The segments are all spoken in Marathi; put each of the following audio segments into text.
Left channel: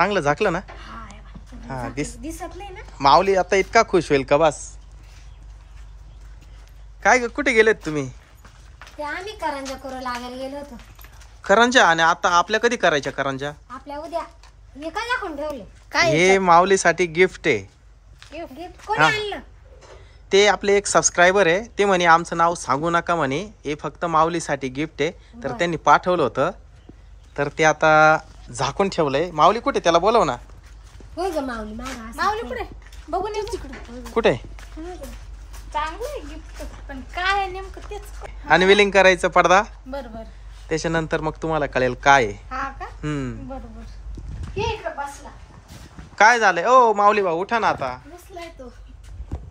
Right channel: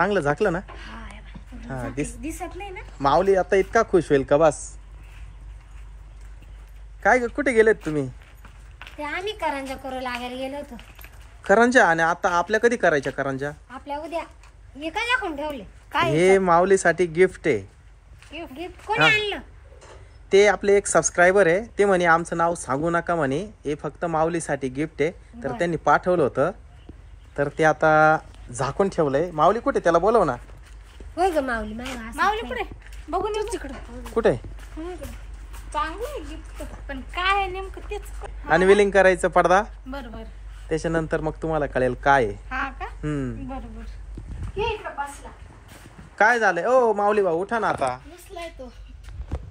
चांगलं झाकलं ना? हा दिसत नाही ना. माऊली आता इतका खुश होईल का बस. काय ग, कुठे गेलेत तुम्ही? ते आम्ही करंजा करू लागायला गेलो होतो. करंजा? आणि आता आपल्या कधी करायच्या करंजा? आपल्या उद्या. हे काय दाखवून ठेवले? हे माऊलीसाठी गिफ्ट आहे. गिफ्ट कोणी आणलं? ते आपले एक सबस्क्रायबर आहे, ते म्हणे आमचं नाव सांगू नका म्हणे, हे फक्त माऊलीसाठी गिफ्ट आहे. तर त्यांनी पाठवलं होतं, तर ते आता झाकून ठेवलंय. माऊली कुठे? त्याला बोलव ना. होय ग माऊली. माऊली कुठे? बघून येऊ तिकडं. कुठे? चांगलं गिफ्ट पण काय नेमकं तेच. अनविलिंग करायचं पडदा. बरोबर. त्याच्यानंतर मग तुम्हाला कळेल काय आहे. हा का? बरोबर. हे इकडे बसला. काय झालंय? ओ माऊली भाऊ उठा ना आता. बसलाय तो.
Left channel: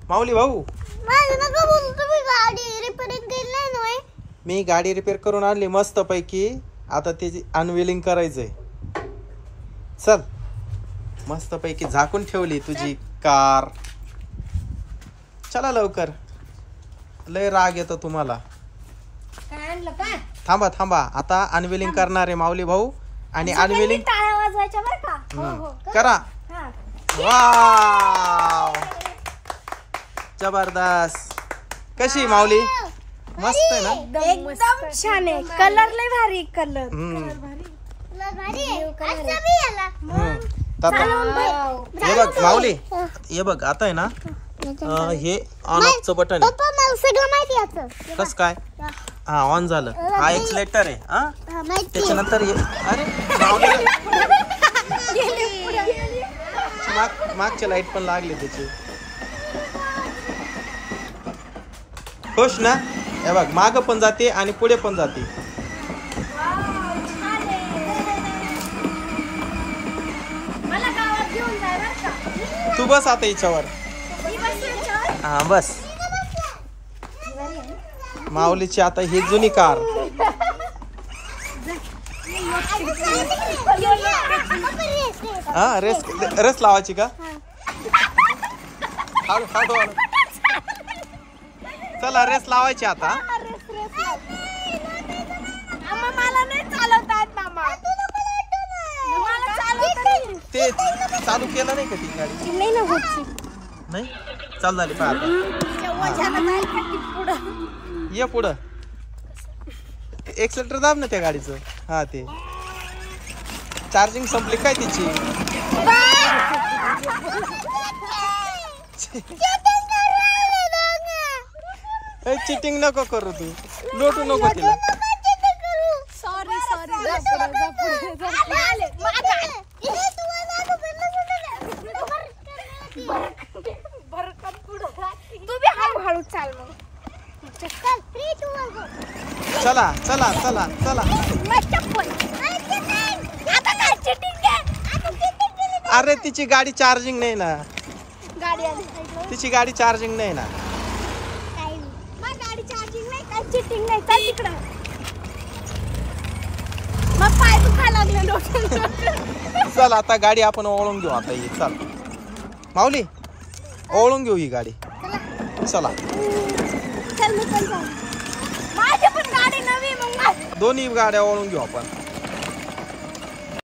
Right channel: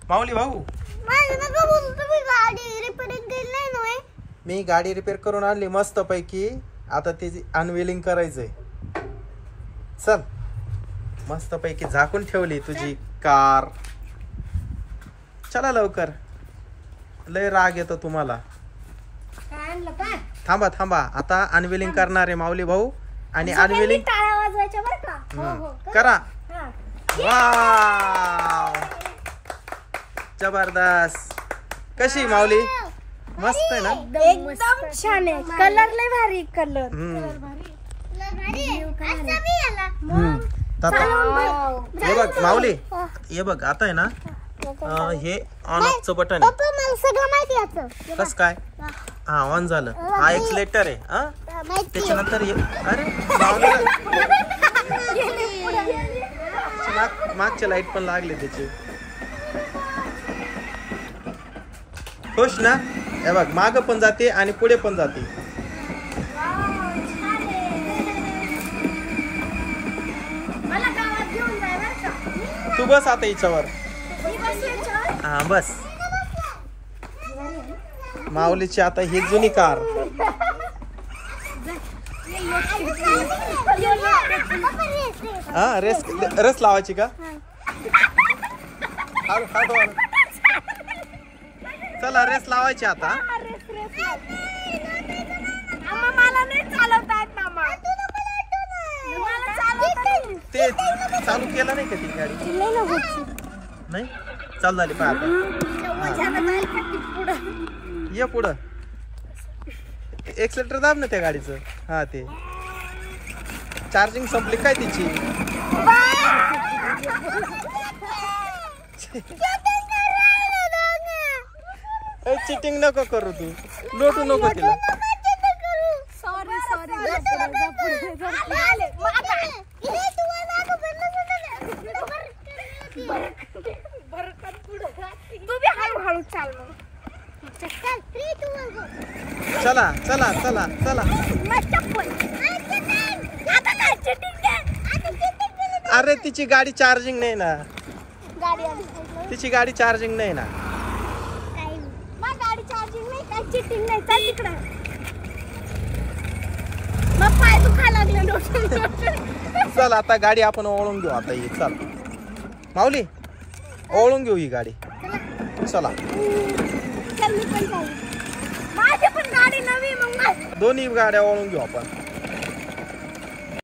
माऊली भाऊ, गाडी रिपेअरिंग केली नाही. मी गाडी रिपेअर करून आणली मस्त पैकी. आता त्याची अनविलिंग करायचंय. चल, मस्त पैकी झाकून ठेवली तुझी कार. चला लवकर, लय राग येतो तुम्हाला. काय आणलं काय? थांबा थांबा, आता अनविलिंग करणार आहे माऊली भाऊ. आणि अनविलिंग टाळ्या वाजवायच्या बरं का? हो करा. हा. वाव, जबरदस्त. कशी माऊली? मस्त आहे ना? एकदम छान आहे. कलर लय भारी. कलर हे बघ माऊली, हे बघ आता आहे ना, हे ऑन ऑफचं बटन आहे. सगळं माहिती. कस काय? हा, ऑन झालं. हा एक्सलेटर आहे. हा, त्याच्यानंतर अरे मागच्या लाईट पण लागली त्याची. खुश ना? हे बघ, माग पण जाते आणि पुढे पण जाते. मला गावात घेऊन जाय बरं का? तू बस आता हिच्यावर. हा बस. माऊलीची आता ही जुनी कार. हा, रेस लावायची का? चला रेस लावायची आता. मला नाही चालवता येत मामा. ते चालू केलं नाही का ती गाडी? नाही चालू झाली. पाहा ये पुढं. एक्सलेटर दाब ना त्या गाडीचं. हा, ते चार्जिंग संपली काय तिची? चिटिंग नको करू तू, लोटू नको तिला. सॉरी. तू बी हळूहळू चाल. चला चला चला चला. अरे तिची गाडी चार्जिंग नाही ना. तिची गाडी चार्जिंग नाही ना. गाडी चार्जिंग नाही, काय चिटिंग नाही. चल तिकडं. मग पाय दुखा लागले. चल आता गाडी आपण ओळून घेऊ. आता ये चल माऊली, ओळून घेऊ ही गाडी. चला. चल मी पण जाऊ. माझी पण गाडी नवी. मग दोन्ही गाड्या ओळून घेऊ आपण.